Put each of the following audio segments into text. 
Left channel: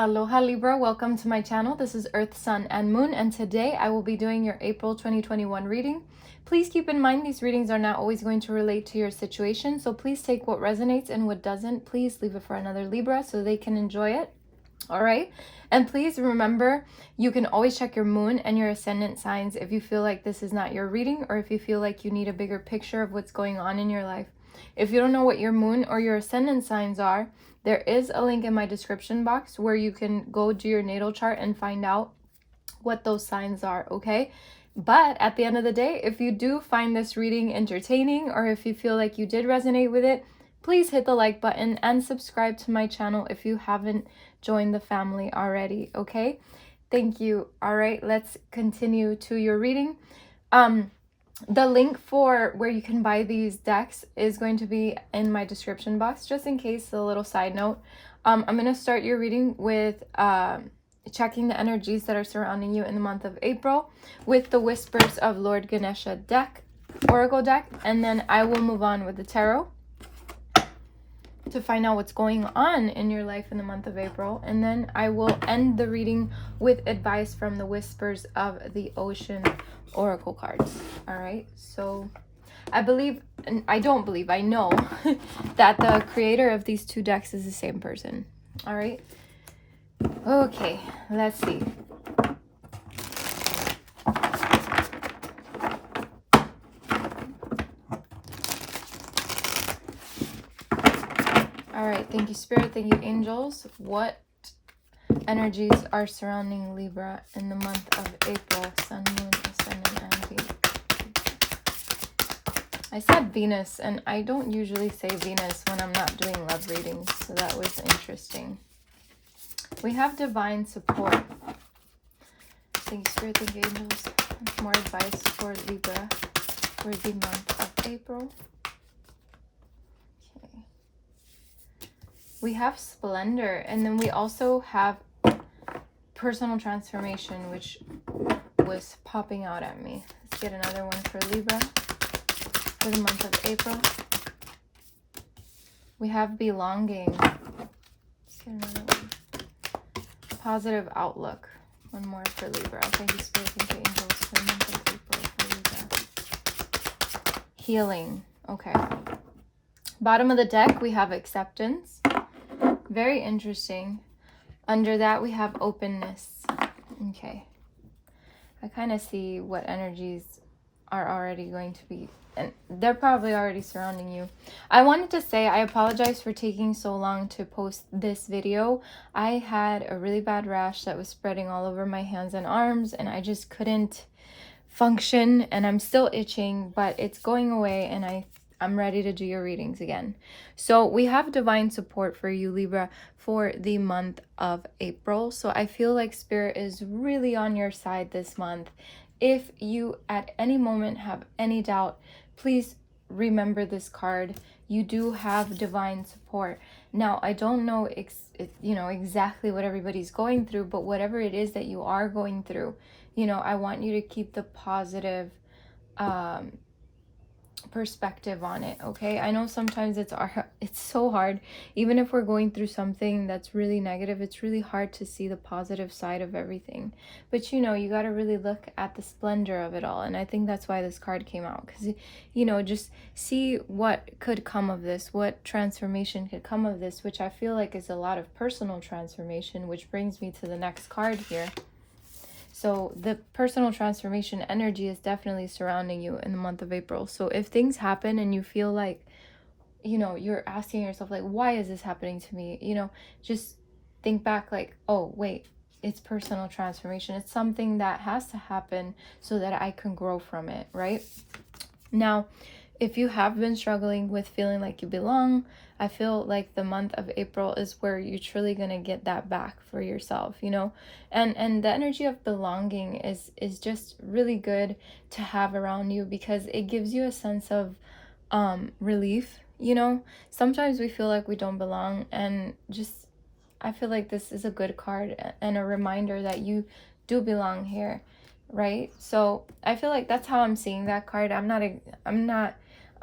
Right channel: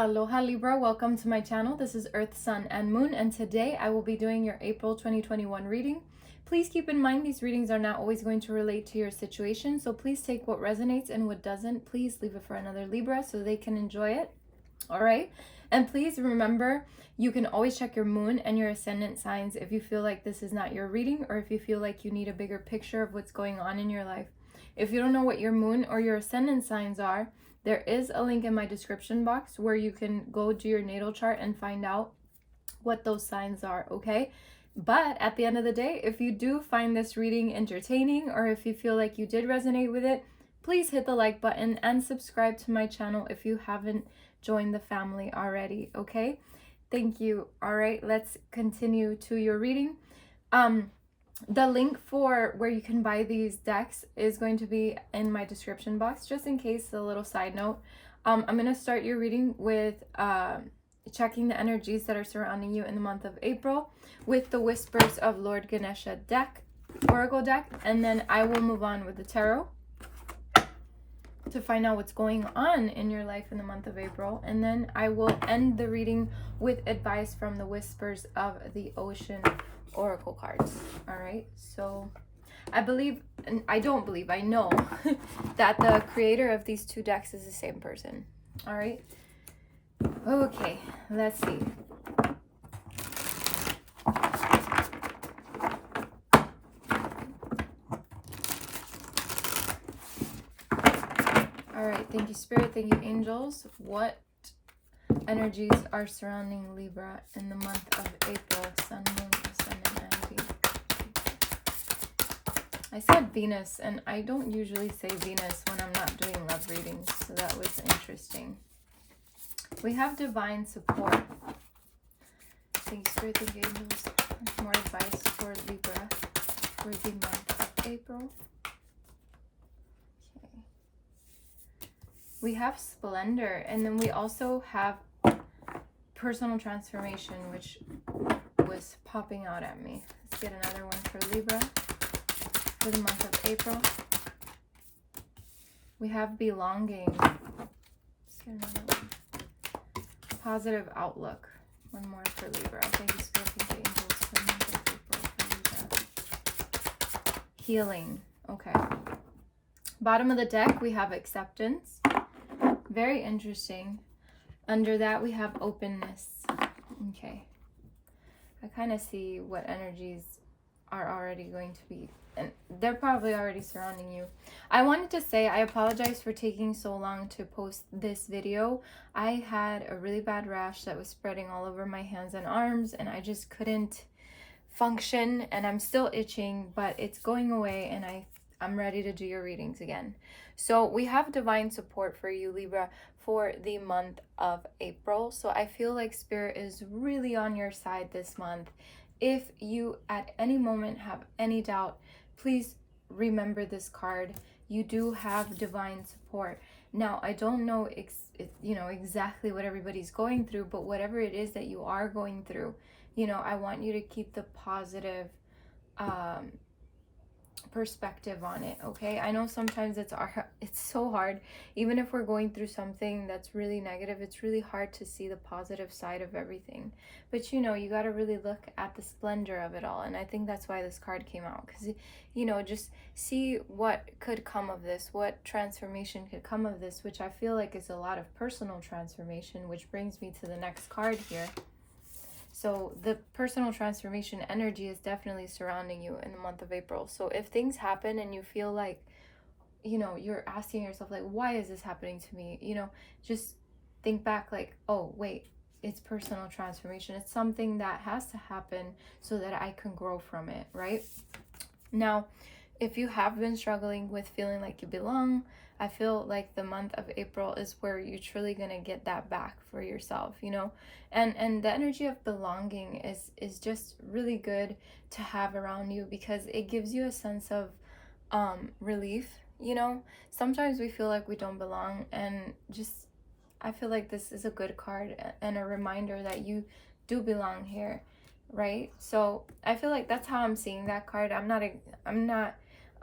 Aloha Libra, welcome to my channel. This is Earth, Sun, and Moon, and today I will be doing your April 2021 reading. Please keep in mind these readings are not always going to relate to your situation, so please take what resonates and what doesn't. Please leave it for another Libra so they can enjoy it. All right? And please remember, you can always check your moon and your ascendant signs if you feel like this is not your reading or if you feel like you need a bigger picture of what's going on in your life. If you don't know what your moon or your ascendant signs are, there is a link in my description box where you can go do your natal chart and find out what those signs are, okay? But at the end of the day, if you do find this reading entertaining or if you feel like you did resonate with it, please hit the like button and subscribe to my channel if you haven't joined the family already, okay? Thank you. All right, let's continue to your reading. The link for where you can buy these decks is going to be in my description box, just in case, a little side note. I'm going to start your reading with checking the energies that are surrounding you in the month of April with the Whispers of Lord Ganesha deck, Oracle deck, and then I will move on with the Tarot to find out what's going on in your life in the month of April, and then I will end the reading with advice from the Whispers of the Ocean Oracle cards. All right, so I believe, and I don't believe, I know that the creator of these two decks is the same person. All right, okay, let's see. All right, thank you, Spirit. Thank you, angels. What energies are surrounding Libra in the month of April? Sun, Moon, Ascendant, and Venus. I said Venus, and I don't usually say Venus when I'm not doing love readings, so that was interesting. We have divine support. Thank you, Spirit. Thank you, angels. More advice for Libra for the month of April. We have Splendor, and then we also have Personal Transformation, which was popping out at me. Let's get another one for Libra for the month of April. We have Belonging. Let's get another one. Positive Outlook. One more for Libra. Thank you, Spirit. Thank you, angels, for the month of April for Libra. Healing. Okay. Bottom of the deck, we have Acceptance. Very interesting. Under that, we have Openness. Okay. I kind of see what energies are already going to be, and they're probably already surrounding you. I wanted to say I apologize for taking so long to post this video. I had a really bad rash that was spreading all over my hands and arms, and I just couldn't function, and I'm still itching, but it's going away, and I'm ready to do your readings again. So we have divine support for you, Libra, for the month of April. So I feel like Spirit is really on your side this month. If you at any moment have any doubt, please remember this card. You do have divine support. Now, I don't know exactly what everybody's going through, but whatever it is that you are going through, I want you to keep the positive perspective on it, okay? I know sometimes it's so hard. Even if we're going through something that's really negative, it's really hard to see the positive side of everything. But you got to really look at the splendor of it all, and I think that's why this card came out, because just see what could come of this, what transformation could come of this, which I feel like is a lot of personal transformation, which brings me to the next card here. So the personal transformation energy is definitely surrounding you in the month of April. So if things happen and you feel like, you're asking yourself, like, why is this happening to me? Just think back like, oh, wait, it's personal transformation. It's something that has to happen so that I can grow from it, right? Now, if you have been struggling with feeling like you belong, I feel like the month of April is where you're truly going to get that back for yourself, and the energy of belonging is just really good to have around you, because it gives you a sense of relief. Sometimes we feel like we don't belong, and I feel like this is a good card and a reminder that you do belong here, right? So I feel like that's how I'm seeing that card. I'm not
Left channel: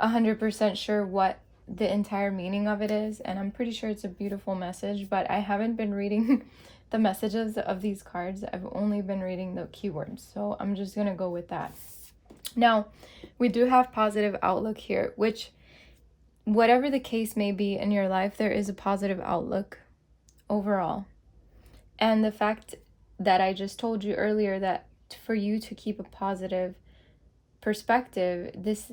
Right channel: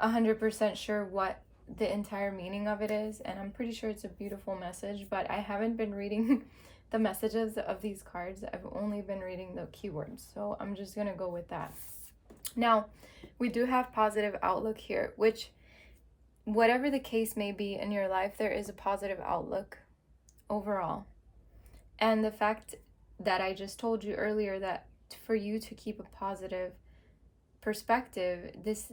100% sure what the entire meaning of it is, and I'm pretty sure it's a beautiful message, but I haven't been reading the messages of these cards. I've only been reading the keywords, so I'm just gonna go with that. Now, we do have positive outlook here, which, whatever the case may be in your life, there is a positive outlook overall. And the fact that I just told you earlier, that for you to keep a positive perspective, this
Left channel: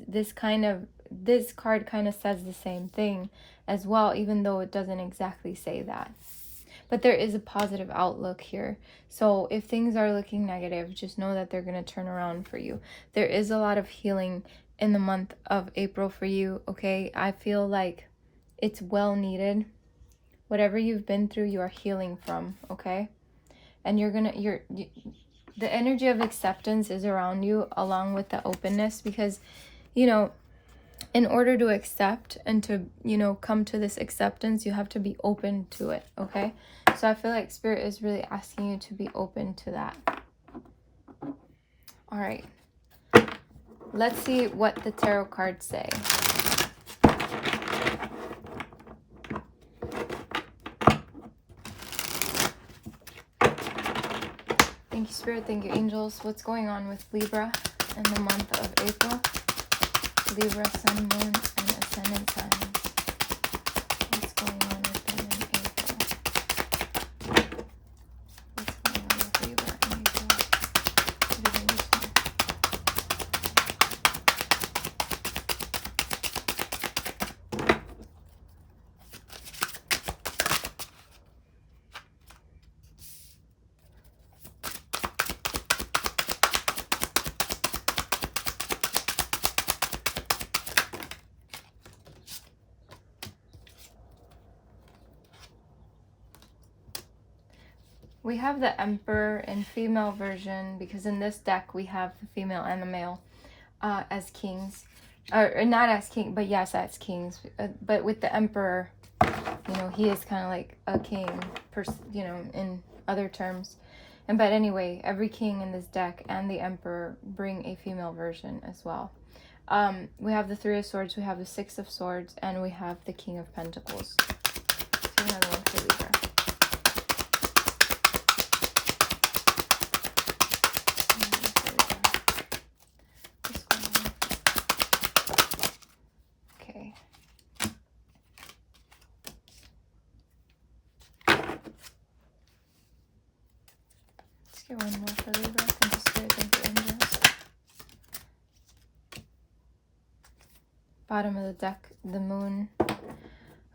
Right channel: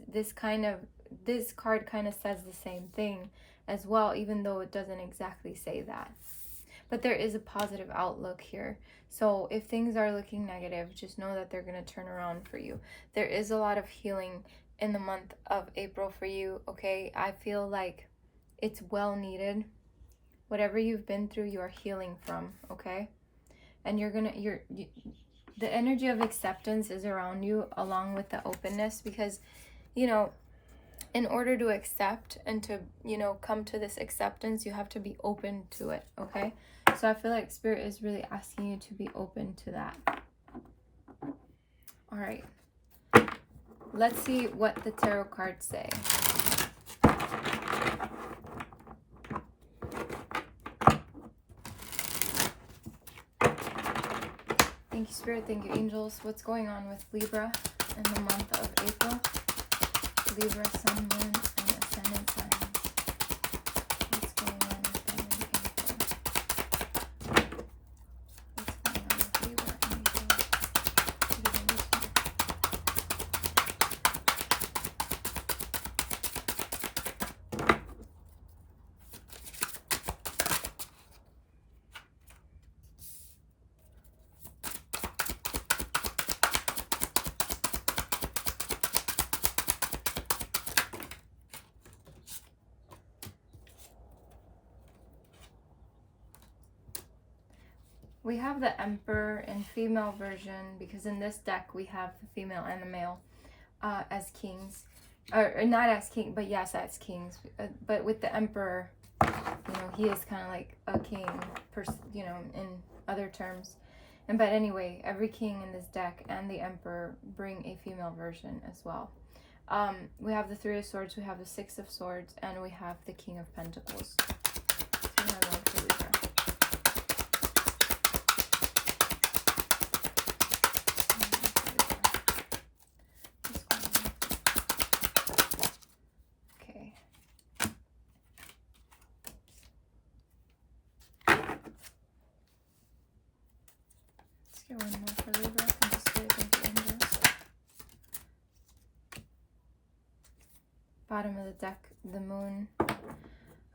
card kind of says the same thing as well, even though it doesn't exactly say that. But there is a positive outlook here. So if things are looking negative, just know that they're going to turn around for you. There is a lot of healing in the month of April for you, okay? I feel like it's well needed. Whatever you've been through, you are healing from, okay? And the energy of acceptance is around you, along with the openness, because, you know, in order to accept and to, you know, come to this acceptance, you have to be open to it, okay? So I feel like Spirit is really asking you to be open to that. All right. Let's see what the tarot cards say. Thank you, Spirit. Thank you, angels. What's going on with Libra in the month of April? Libra, Sun, Moon, and Ascendant signs. What's going on with them in April? What's going on with Libra in April? What did I miss here? We have the Emperor in female version, because in this deck we have the female and the male as kings. Or not as king, but yes, as kings. But with the Emperor, you know, he is kind of like a king, you know, in other terms. But anyway, every king in this deck and the Emperor bring a female version as well. We have the Three of Swords, we have the Six of Swords, and we have the King of Pentacles. So another one for Libra. Okay. Let's get one more for Libra. Thank you, Spirit. Thank you, angels. Bottom of the deck, the Moon.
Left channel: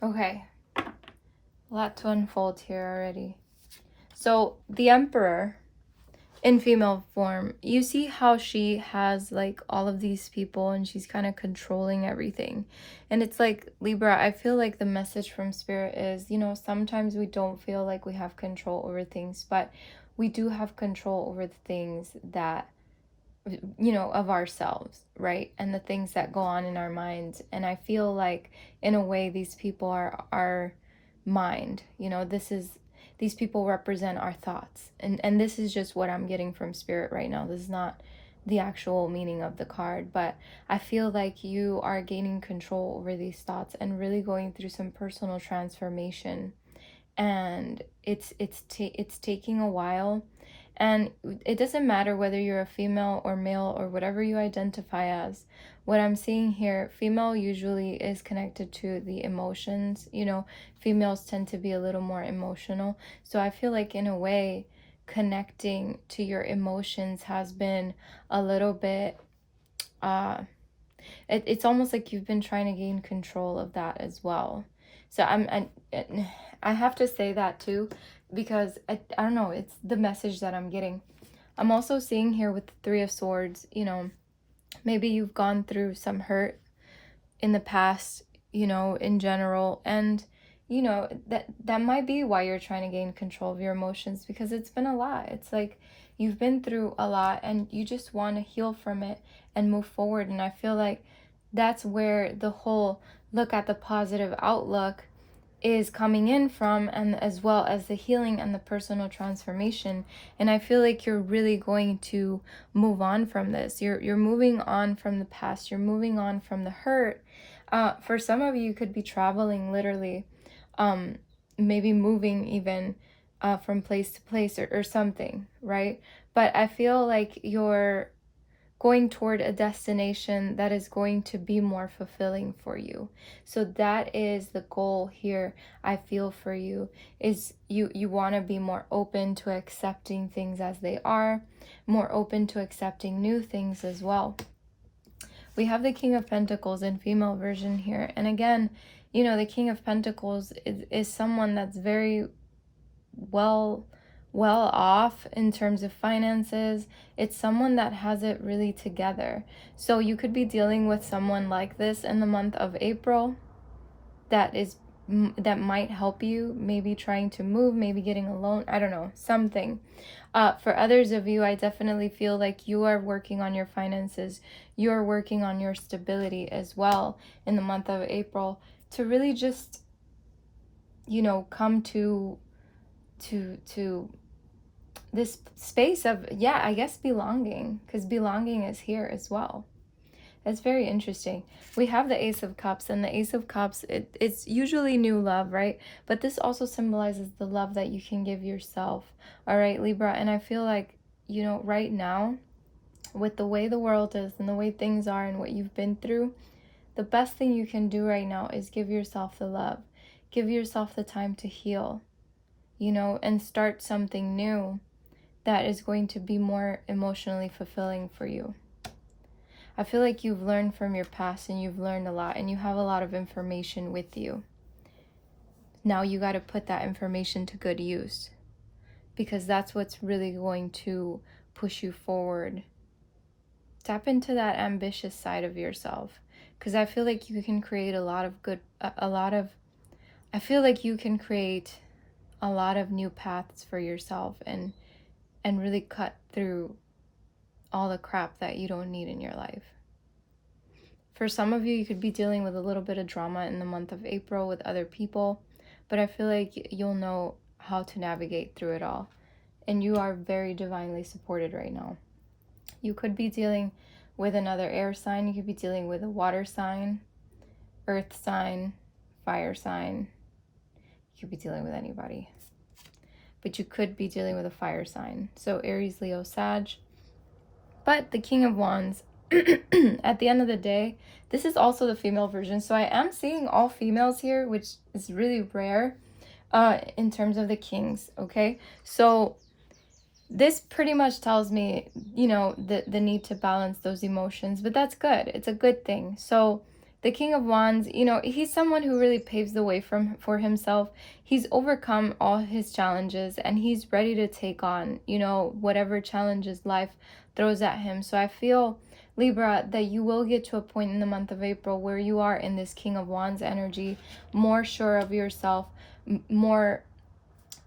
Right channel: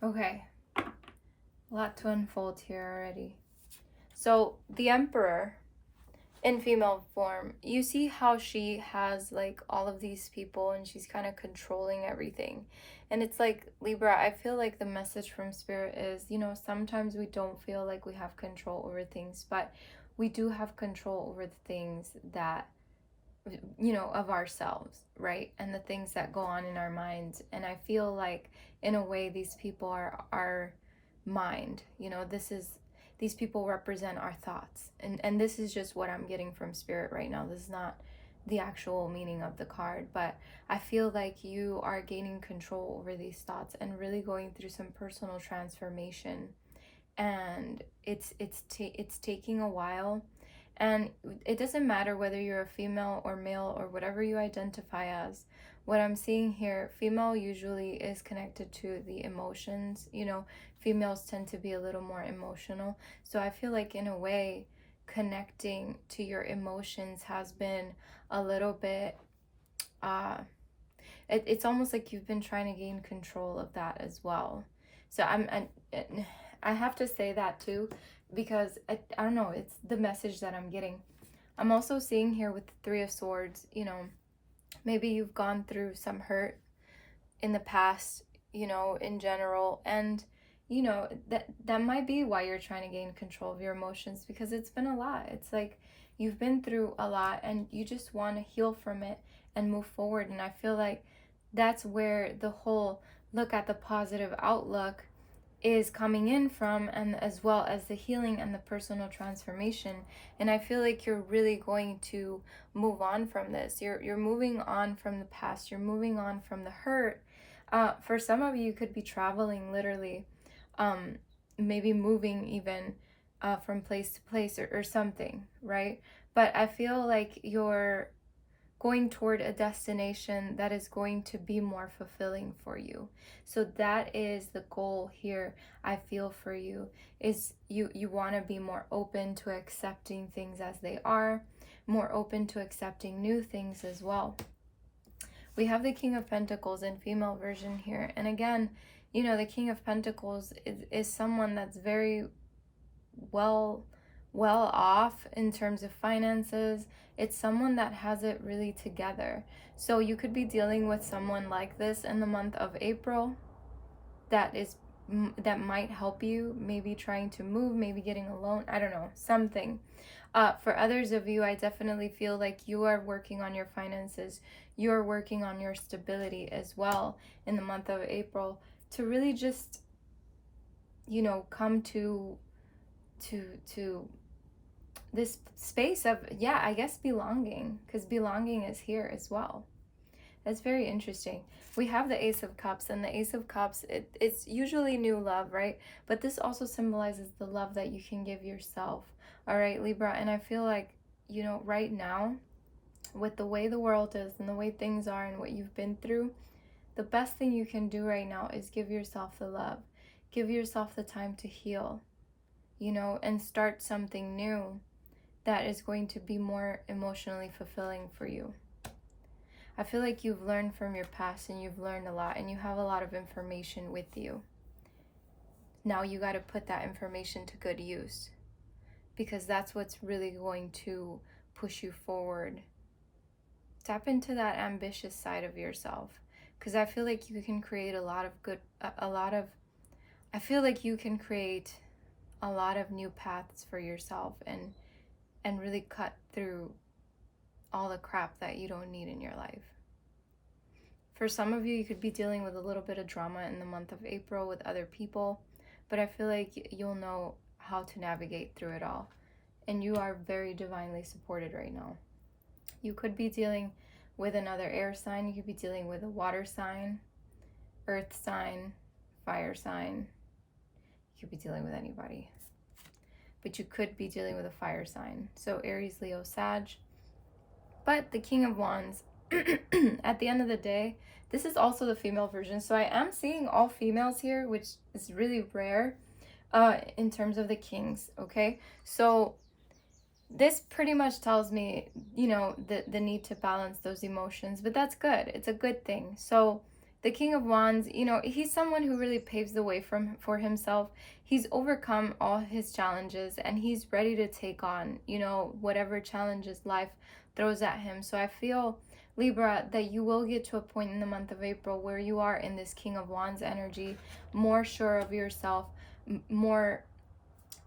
Okay. A lot to unfold here already. So the Emperor in female form, you see how she has like all of these people and she's kind of controlling everything. And it's like, Libra, I feel like the message from Spirit is, you know, sometimes we don't feel like we have control over things, but we do have control over the things that, you know, of ourselves, right? And the things that go on in our minds. And I feel like in a way these people are our mind, you know, these people represent our thoughts. And this is just what I'm getting from Spirit right now. This is not the actual meaning of the card, but I feel like you are gaining control over these thoughts and really going through some personal transformation. And it's taking a while. And it doesn't matter whether you're a female or male or whatever you identify as. What I'm seeing here, female usually is connected to the emotions. You know, females tend to be a little more emotional. So I feel like in a way, connecting to your emotions has been a little bit, it's almost like you've been trying to gain control of that as well. So I have to say that too, because I don't know, it's the message that I'm getting. I'm also seeing here with the Three of Swords, you know, maybe you've gone through some hurt in the past, you know, in general, and you know that might be why you're trying to gain control of your emotions, because it's been a lot. It's like you've been through a lot and you just want to heal from it and move forward. And I feel like that's where the whole look at the positive outlook is coming in from, and as well as the healing and the personal transformation. And I feel like you're really going to move on from this. You're moving on from the past. You're moving on from the hurt. For some of you, you could be traveling literally, maybe moving even from place to place, or something, right? But I feel like you're going toward a destination that is going to be more fulfilling for you. So that is the goal here. I feel for you is you want to be more open to accepting things as they are, more open to accepting new things as well. We have the King of Pentacles in female version here, and again, you know, the King of Pentacles is someone that's very well off in terms of finances. It's someone that has it really together. So you could be dealing with someone like this in the month of April that might help you, maybe trying to move, maybe getting a loan, I don't know, something. For others of you, I definitely feel like you are working on your finances. You're working on your stability as well in the month of April to really just, you know, come to this space of, yeah, I guess belonging, because belonging is here as well. That's very interesting. We have the Ace of Cups, and the Ace of Cups, it's usually new love, right? But this also symbolizes the love that you can give yourself, all right, Libra? And I feel like, you know, right now, with the way the world is and the way things are and what you've been through, the best thing you can do right now is give yourself the love. Give yourself the time to heal, you know, and start something new that is going to be more emotionally fulfilling for you. I feel like you've learned from your past, and you've learned a lot, and you have a lot of information with you. Now you got to put that information to good use, because that's what's really going to push you forward. Tap into that ambitious side of yourself, because I feel like you can create I feel like you can create a lot of new paths for yourself, and really cut through all the crap that you don't need in your life. For some of you, you could be dealing with a little bit of drama in the month of April with other people, but I feel like you'll know how to navigate through it all, and you are very divinely supported right now. You could be dealing with another air sign. You could be dealing with a water sign, earth sign, fire sign. You could be dealing with anybody, but you could be dealing with a fire sign. So Aries, Leo, Sag. But the King of Wands, at the end of the day, this is also the female version. So I am seeing all females here, which is really rare in terms of the kings, okay? So this pretty much tells me, you know, the need to balance those emotions, but that's good. It's a good thing. So the King of Wands, you know, he's someone who really paves the way for himself. He's overcome all his challenges, and he's ready to take on, you know, whatever challenges life throws at him. So I feel, Libra, that you will get to a point in the month of April where you are in this King of Wands energy, more sure of yourself, more,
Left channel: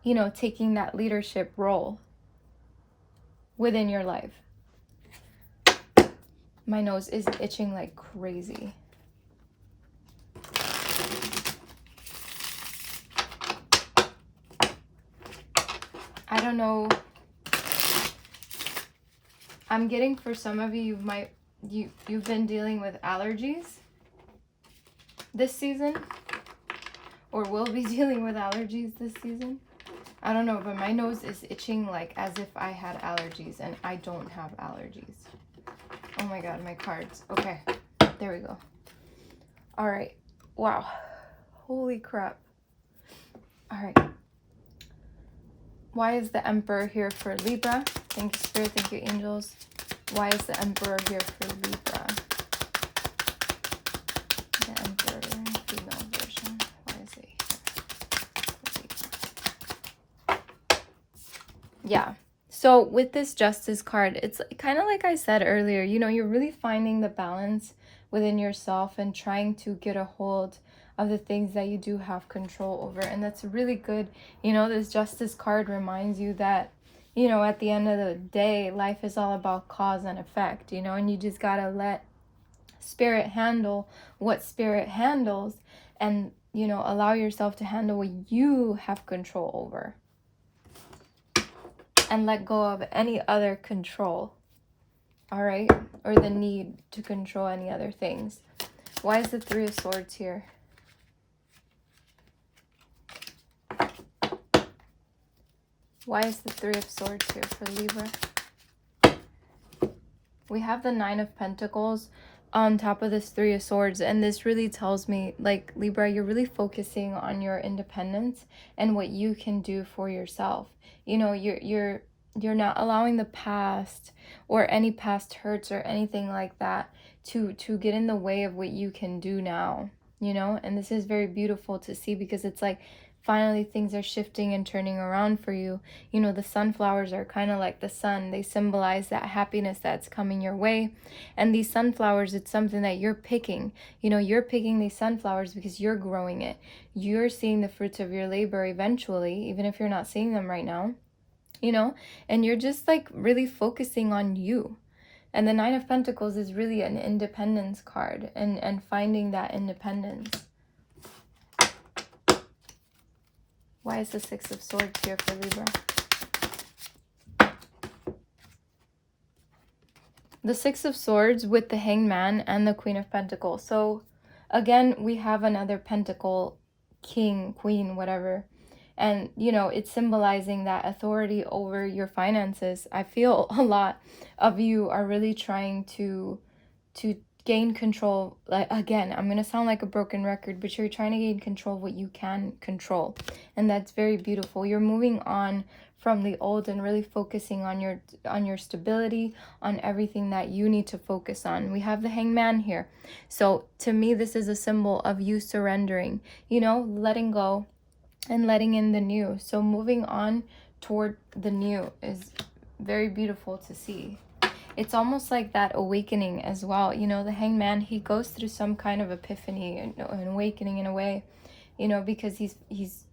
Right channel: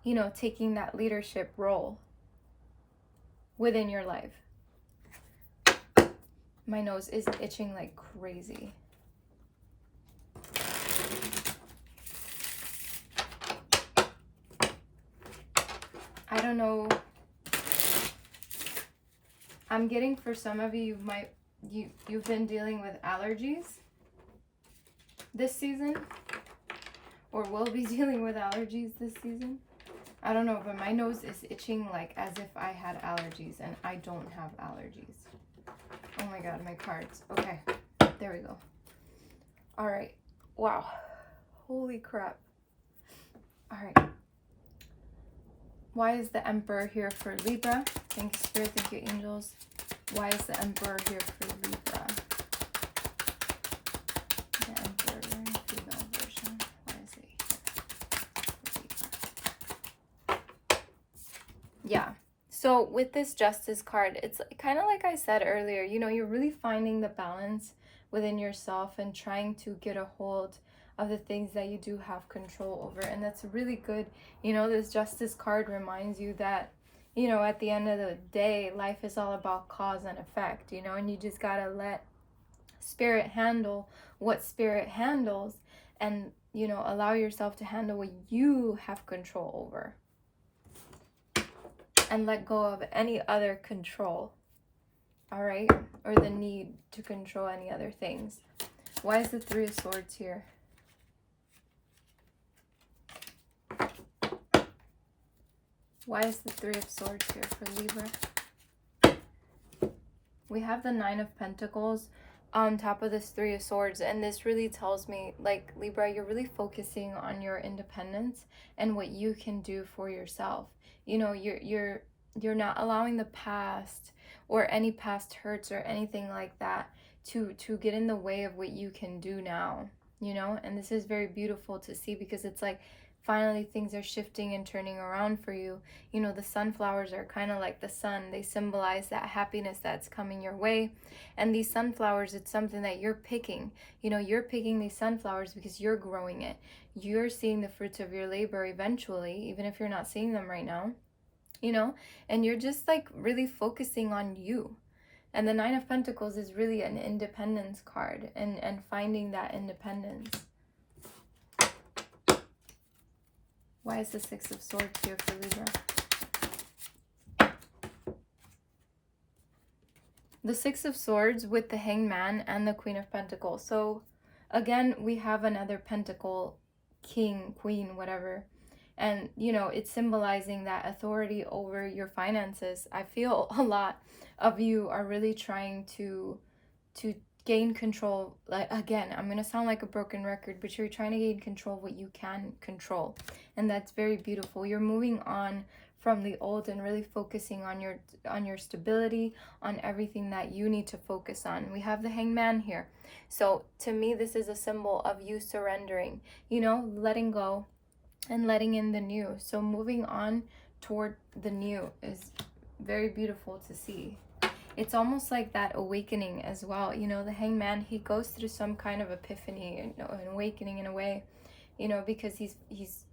you know, taking that leadership role within your life. My nose is itching like crazy. I don't know. I'm getting, for some of you, you've been dealing with allergies this season, or will be dealing with allergies this season. I don't know, but my nose is itching like as if I had allergies, and I don't have allergies. Oh my god, my cards. Okay, there we go. All right. Wow. Holy crap. All right. Why is the Emperor here for Libra? Thank you, Spirit. Thank you, angels. Why is the Emperor here for Libra? The Emperor, female version. Why is it here? Yeah. So with this Justice card, it's kind of like I said earlier, you know, you're really finding the balance within yourself and trying to get a hold of the things that you do have control over. And that's really good. You know, this Justice card reminds you that, you know, at the end of the day, life is all about cause and effect, you know, and you just gotta let Spirit handle what Spirit handles, and, you know, allow yourself to handle what you have control over, and let go of any other control, all right, or the need to control any other things. Why is the Three of Swords here? Why is the Three of Swords here for Libra? We have the Nine of Pentacles on top of this Three of Swords, and this really tells me, like, Libra, you're really focusing on your independence and what you can do for yourself. You know, you're not allowing the past or any past hurts or anything like that to get in the way of what you can do now, you know. And this is very beautiful to see, because it's like finally things are shifting and turning around for you. You know, the sunflowers are kind of like the sun. They symbolize that happiness that's coming your way. And these sunflowers, it's something that you're picking. You know, you're picking these sunflowers because you're growing it. You're seeing the fruits of your labor eventually, even if you're not seeing them right now, you know, and you're just like really focusing on you. And the Nine of Pentacles is really an independence card, and finding that independence. Why is the Six of Swords here for Libra? The Six of Swords with the Hangman and the Queen of Pentacles. So again, we have another pentacle, king, queen, whatever. And, you know, it's symbolizing that authority over your finances. I feel a lot of you are really trying to gain control. Like, again, I'm going to sound like a broken record, but you're trying to gain control of what you can control. And that's very beautiful. You're moving on from the old and really focusing on your stability, on everything that you need to focus on. We have the Hangman here. So to me, this is a symbol of you surrendering, you know, letting go and letting in the new. So moving on toward the new is very beautiful to see. It's almost like that awakening as well. You know, the Hangman, he goes through some kind of epiphany, an awakening in a way, you know, because he's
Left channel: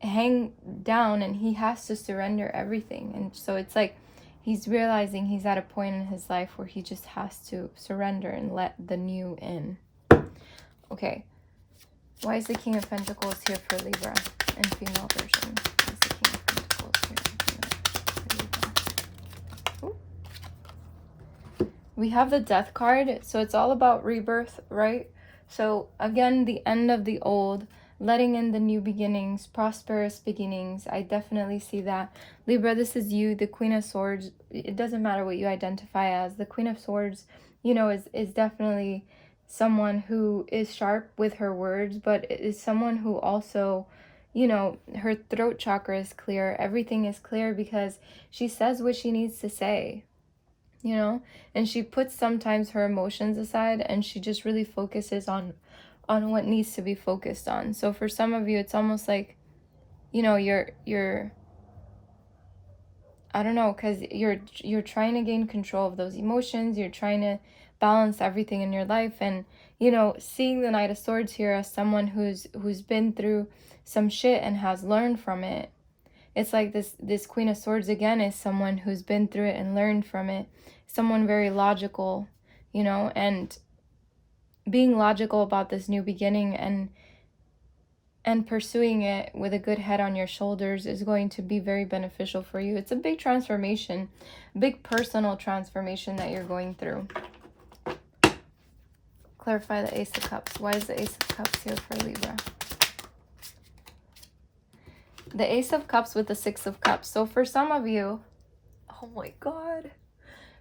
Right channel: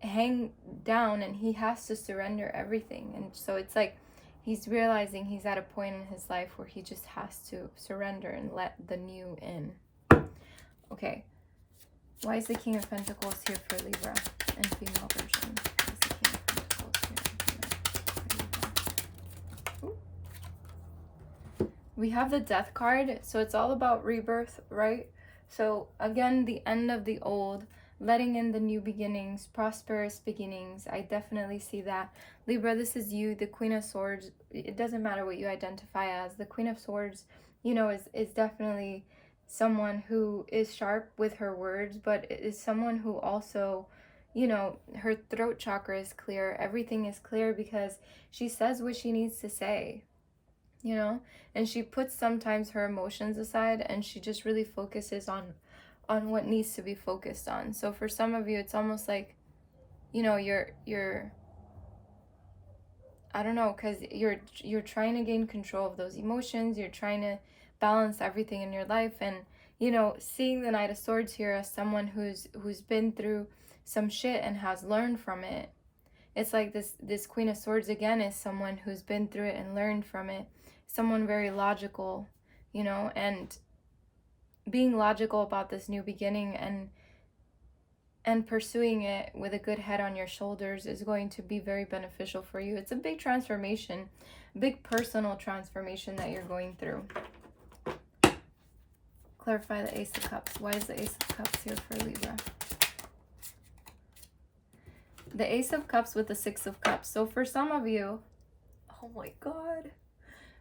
hang down and he has to surrender everything. And so it's like he's realizing he's at a point in his life where he just has to surrender and let the new in. Okay. Why is the King of Pentacles here for Libra in female version? Why is the King of Pentacles here for Libra? Ooh. We have the Death card, so it's all about rebirth, right? So again, the end of the old, letting in the new beginnings, prosperous beginnings. I definitely see that. Libra, this is you, the Queen of Swords. It doesn't matter what you identify as. The Queen of Swords, you know, is definitely someone who is sharp with her words, but is someone who also, you know, her throat chakra is clear. Everything is clear because she says what she needs to say, you know, and she puts sometimes her emotions aside and she just really focuses on what needs to be focused on. So for some of you, it's almost like, you know, you're I don't know, because you're trying to gain control of those emotions. You're trying to balance everything in your life. And, you know, seeing the Knight of Swords here as someone who's been through some shit and has learned from it. It's like this Queen of Swords again is someone who's been through it and learned from it. Someone very logical, you know, and being logical about this new beginning and pursuing it with a good head on your shoulders is going to be very beneficial for you. It's a big transformation, big personal transformation that you're going through. Clarify the Ace of Cups. Why is the Ace of Cups here for Libra? The Ace of Cups with the Six of Cups. So for some of you, oh my God.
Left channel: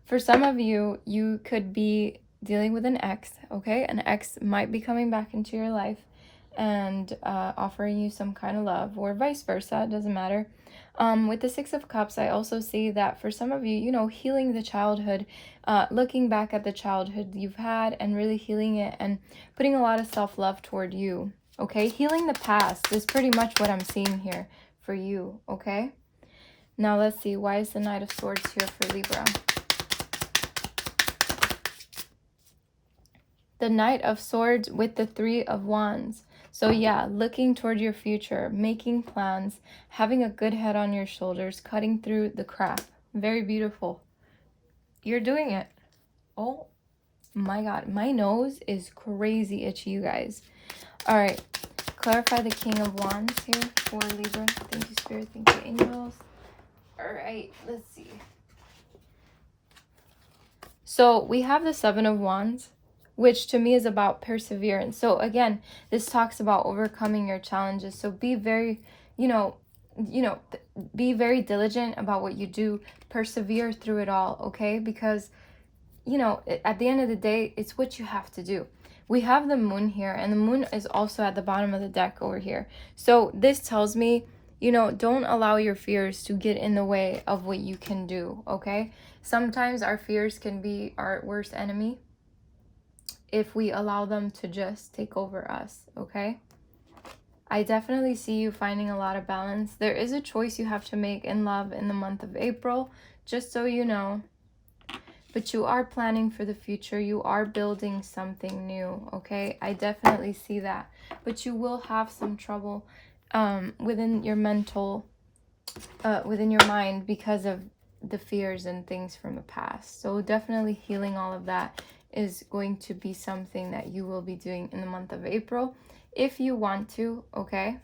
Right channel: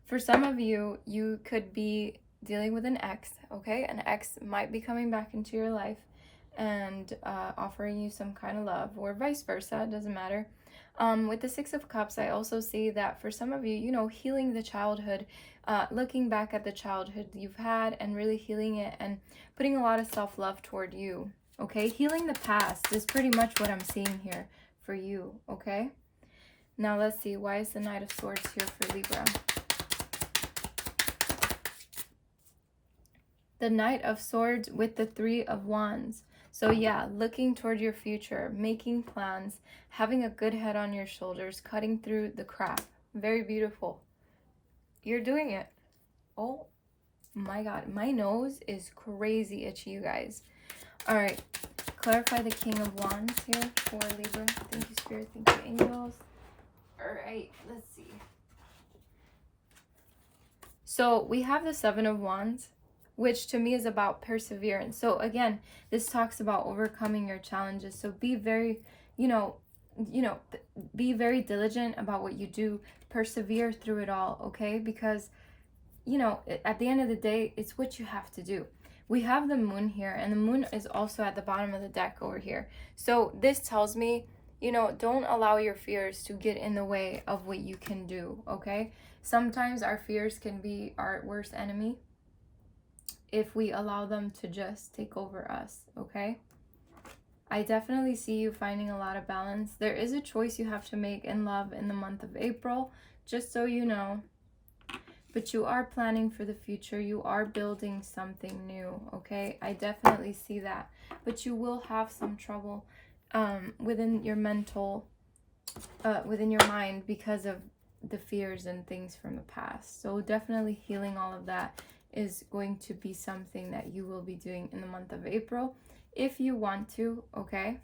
For some of you, you could be dealing with an ex, okay? An ex might be coming back into your life and offering you some kind of love, or vice versa, it doesn't matter. With the Six of Cups, I also see that for some of you, you know, healing the childhood, looking back at the childhood you've had and really healing it and putting a lot of self-love toward you, okay? Healing the past is pretty much what I'm seeing here for you, okay? Now let's see, why is the Knight of Swords here for Libra? The Knight of Swords with the Three of Wands. So yeah, looking toward your future, making plans, having a good head on your shoulders, cutting through the crap. Very beautiful. You're doing it. Oh my God, my nose is crazy itchy, you guys. All right, clarify the King of Wands here for Libra. Thank you, Spirit. Thank you, angels. All right, let's see. So we have the Seven of Wands which to me is about perseverance. So again, this talks about overcoming your challenges. So be very, be very diligent about what you do. Persevere through it all, okay? Because, at the end of the day, it's what you have to do. We have the moon here, and the moon is also at the bottom of the deck over here. So this tells me, don't allow your fears to get in the way of what you can do, okay? Sometimes our fears can be our worst enemy if we allow them to just take over us, okay? I definitely see you finding a lot of balance. There is a choice you have to make in love in the month of April, just so you know. But you are planning for the future. You are building something new, okay? I definitely see that. But you will have some trouble within your within your mind because of the fears and things from the past. So definitely healing all of that is going to be something that you will be doing in the month of April if you want to, okay?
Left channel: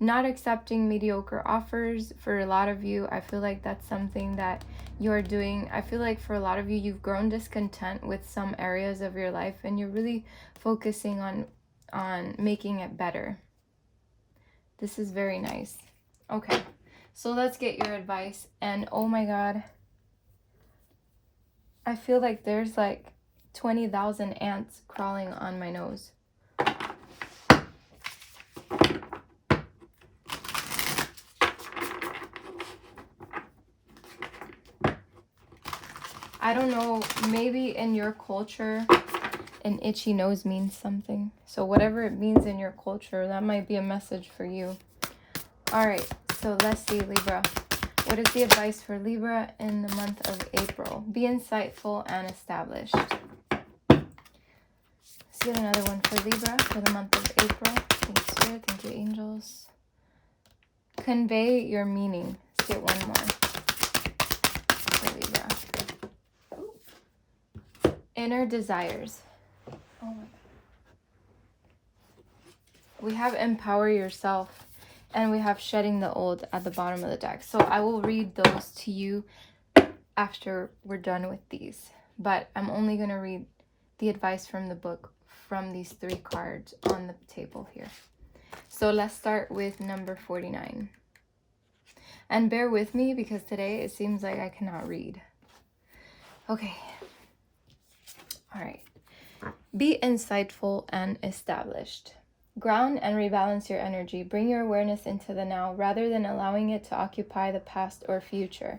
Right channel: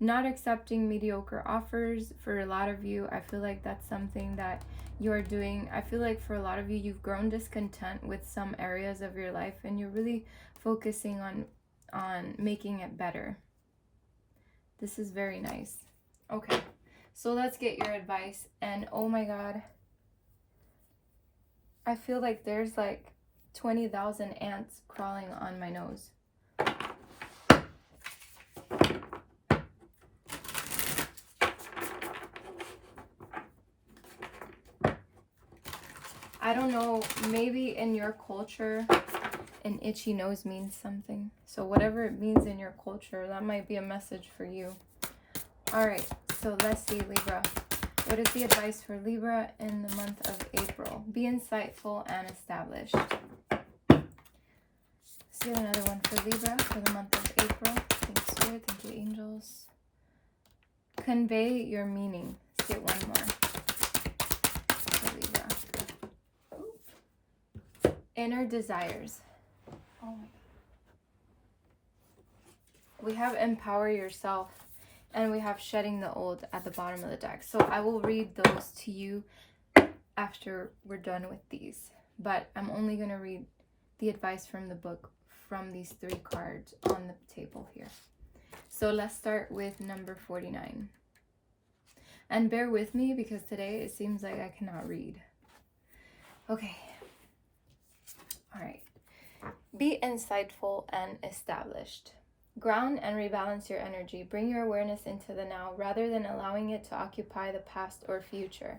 Not accepting mediocre offers for a lot of you. I feel like that's something that you're doing. I feel like for a lot of you, you've grown discontent with some areas of your life and you're really focusing on making it better. This is very nice. Okay, so let's get your advice. And oh my God, I feel like there's like 20,000 ants crawling on my nose. I don't know, maybe in your culture, an itchy nose means something. So whatever it means in your culture, that might be a message for you. All right, so let's see, Libra. What is the advice for Libra in the month of April? Be insightful and established. Let's get another one for Libra for the month of April. Thank you, Spirit. Thank you, angels. Convey your meaning. Let's get one more for Libra. Inner desires. Oh my God. We have empower yourself and we have shedding the old at the bottom of the deck. So I will read those to you after we're done with these. But I'm only going to read the advice from the book from these 3 cards on the table here. So let's start with number 49. And bear with me because today it seems like I cannot read. Okay. All right. Be insightful and established. Ground and rebalance your energy. Bring your awareness into the now rather than allowing it to occupy the past or future.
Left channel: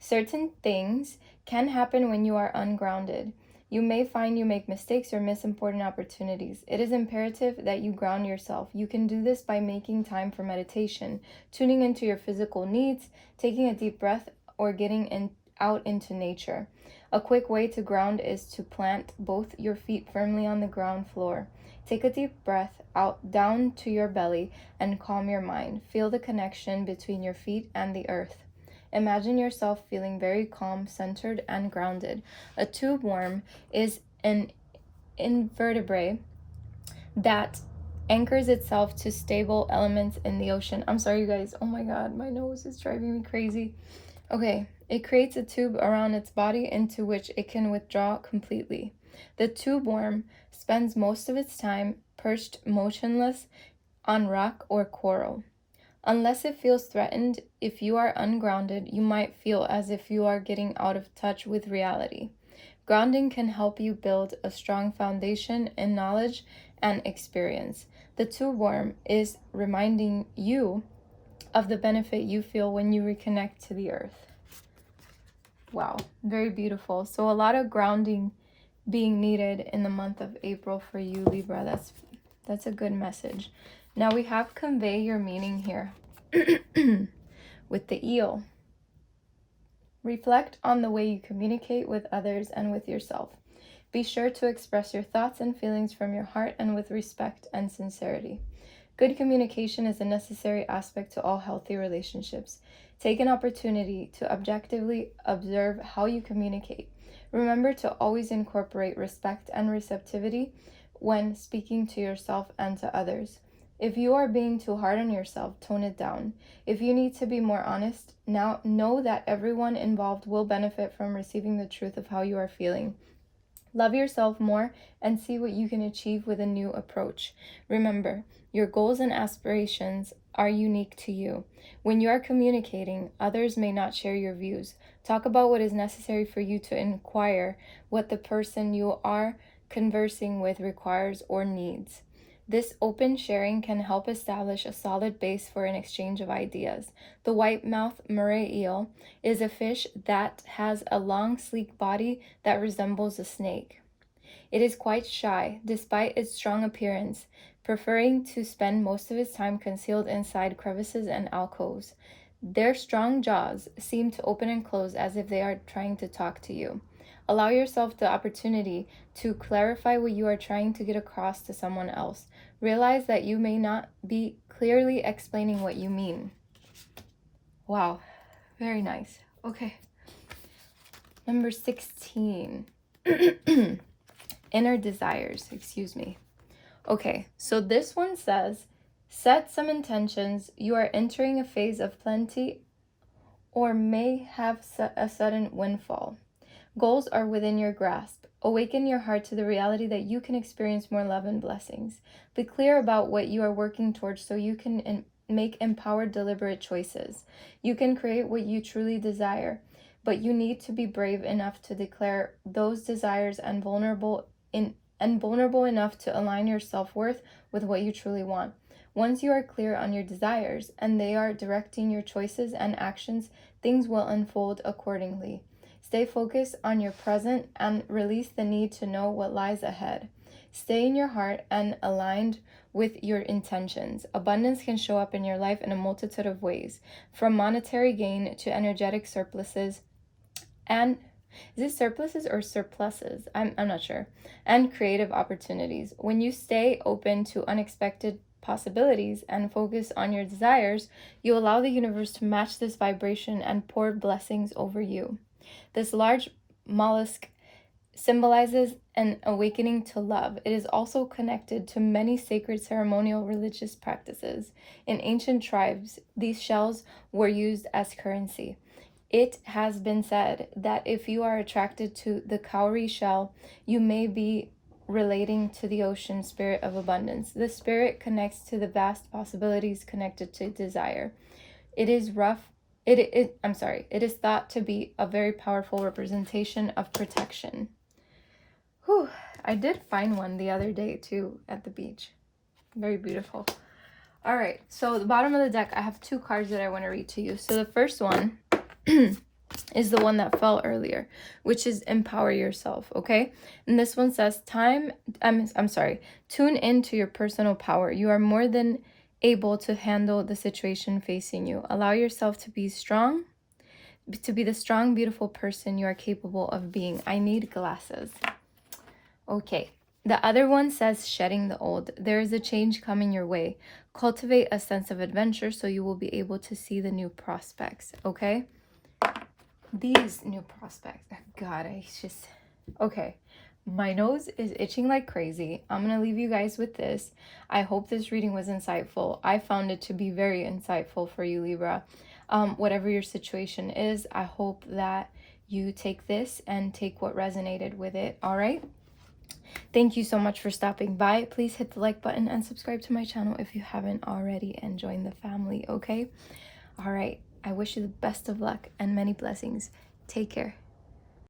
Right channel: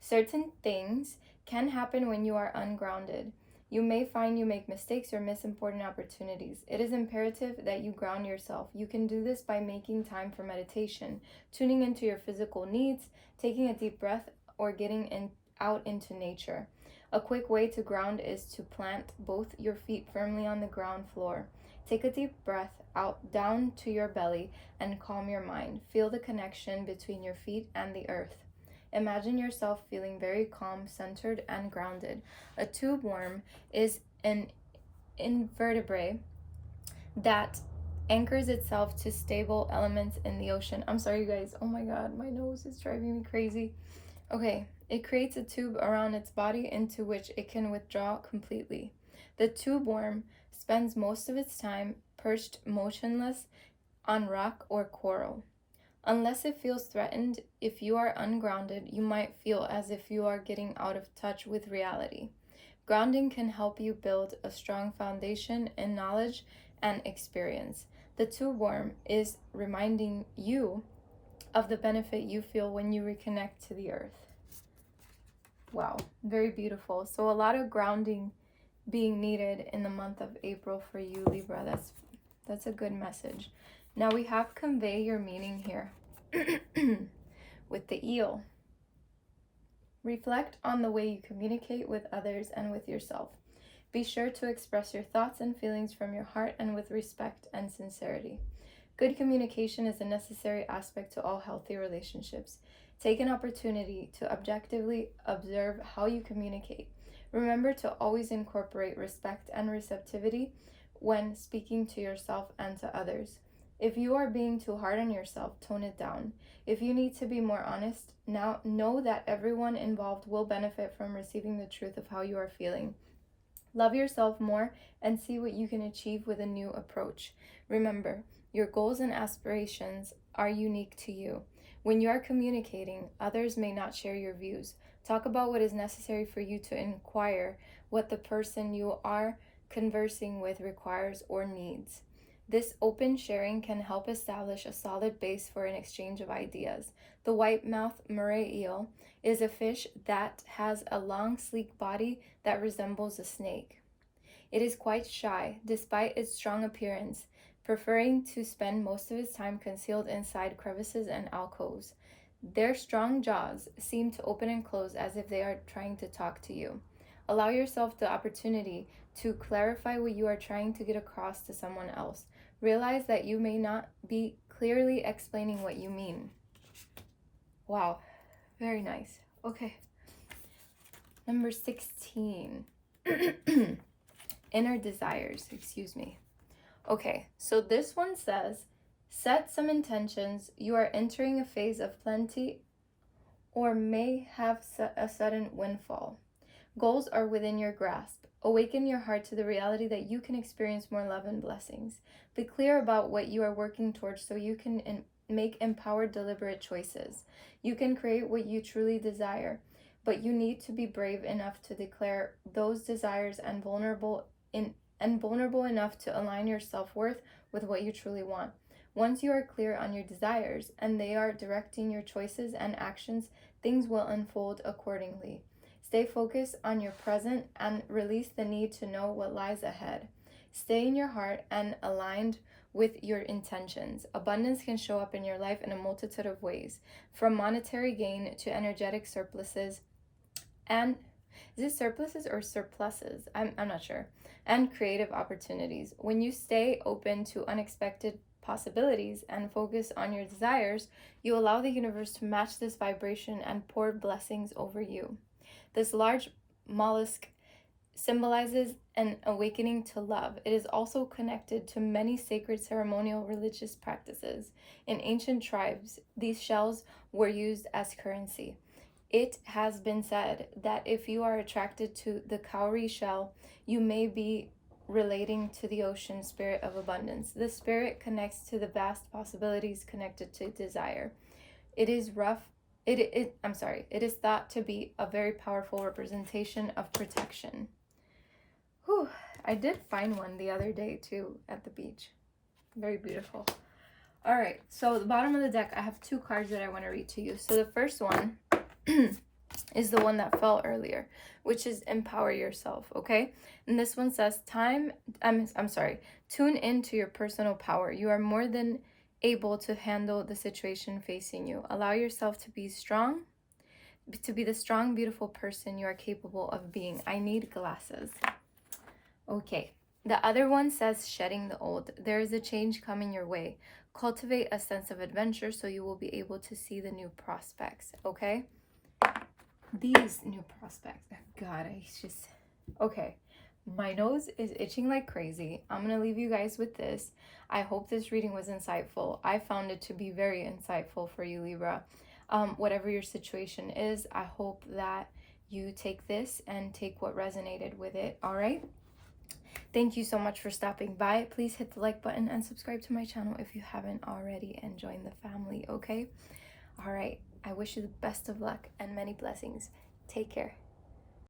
Certain things can happen when you are ungrounded. You may find you make mistakes or miss important opportunities. It is imperative that you ground yourself. You can do this by making time for meditation, tuning into your physical needs, taking a deep breath, or getting out into nature. A quick way to ground is to plant both your feet firmly on the ground floor. Take a deep breath out down to your belly and calm your mind. Feel the connection between your feet and the earth. Imagine yourself feeling very calm, centered, and grounded. A tube worm is an invertebrate that anchors itself to stable elements in the ocean. I'm sorry, you guys. Oh my God, my nose is driving me crazy. Okay, it creates a tube around its body into which it can withdraw completely. The tube worm spends most of its time perched motionless on rock or coral. Unless it feels threatened, if you are ungrounded, you might feel as if you are getting out of touch with reality. Grounding can help you build a strong foundation in knowledge and experience. The tube worm is reminding you of the benefit you feel when you reconnect to the earth. Wow, very beautiful. So a lot of grounding being needed in the month of April for you, Libra. That's a good message. Now we have convey your meaning here with the eel. Reflect on the way you communicate with others and with yourself. Be sure to express your thoughts and feelings from your heart and with respect and sincerity. Good communication is a necessary aspect to all healthy relationships. Take an opportunity to objectively observe how you communicate. Remember to always incorporate respect and receptivity when speaking to yourself and to others. If you are being too hard on yourself, tone it down. If you need to be more honest, now know that everyone involved will benefit from receiving the truth of how you are feeling. Love yourself more and see what you can achieve with a new approach. Remember, your goals and aspirations are unique to you. When you are communicating, others may not share your views. Talk about what is necessary for you to inquire what the person you are conversing with requires or needs. This open sharing can help establish a solid base for an exchange of ideas. The white-mouthed moray eel is a fish that has a long, sleek body that resembles a snake. It is quite shy, despite its strong appearance, preferring to spend most of its time concealed inside crevices and alcoves. Their strong jaws seem to open and close as if they are trying to talk to you. Allow yourself the opportunity to clarify what you are trying to get across to someone else. Realize that you may not be clearly explaining what you mean. Wow, very nice. Okay. Number 16. Inner desires, excuse me. Okay, so this one says, set some intentions. You are entering a phase of plenty or may have a sudden windfall. Goals are within your grasp. Awaken your heart to the reality that you can experience more love and blessings. Be clear about what you are working towards so you can make empowered, deliberate choices. You can create what you truly desire, but you need to be brave enough to declare those desires and vulnerable enough to align your self-worth with what you truly want. Once you are clear on your desires and they are directing your choices and actions, things will unfold accordingly. Stay focused on your present and release the need to know what lies ahead. Stay in your heart and aligned with your intentions. Abundance can show up in your life in a multitude of ways, from monetary gain to energetic surpluses and is it surpluses or surpluses? I'm not sure. And creative opportunities. When you stay open to unexpected possibilities and focus on your desires, you allow the universe to match this vibration and pour blessings over you. This large mollusk symbolizes an awakening to love. It is also connected to many sacred ceremonial religious practices. In ancient tribes, these shells were used as currency. It has been said that if you are attracted to the cowrie shell, you may be relating to the ocean spirit of abundance. The spirit connects to the vast possibilities connected to desire. It is thought to be a very powerful representation of protection. Whew, I did find one the other day too at the beach. Very beautiful. All right, so the bottom of the deck, I have two cards that I want to read to you. So the first one is the one that fell earlier, which is empower yourself, okay? And this one says tune into your personal power. You are more than able to handle the situation facing you. Allow yourself to be strong, to be the strong, beautiful person you are capable of being. I need glasses. Okay. The other one says shedding the old. There is a change coming your way. Cultivate a sense of adventure so you will be able to see the new prospects, okay? These new prospects. God, okay. My nose is itching like crazy. I'm going to leave you guys with this. I hope this reading was insightful. I found it to be very insightful for you, Libra. Whatever your situation is, I hope that you take this and take what resonated with it, all right? Thank you so much for stopping by. Please hit the like button and subscribe to my channel if you haven't already, and join the family, okay? All right. I wish you the best of luck and many blessings. Take care.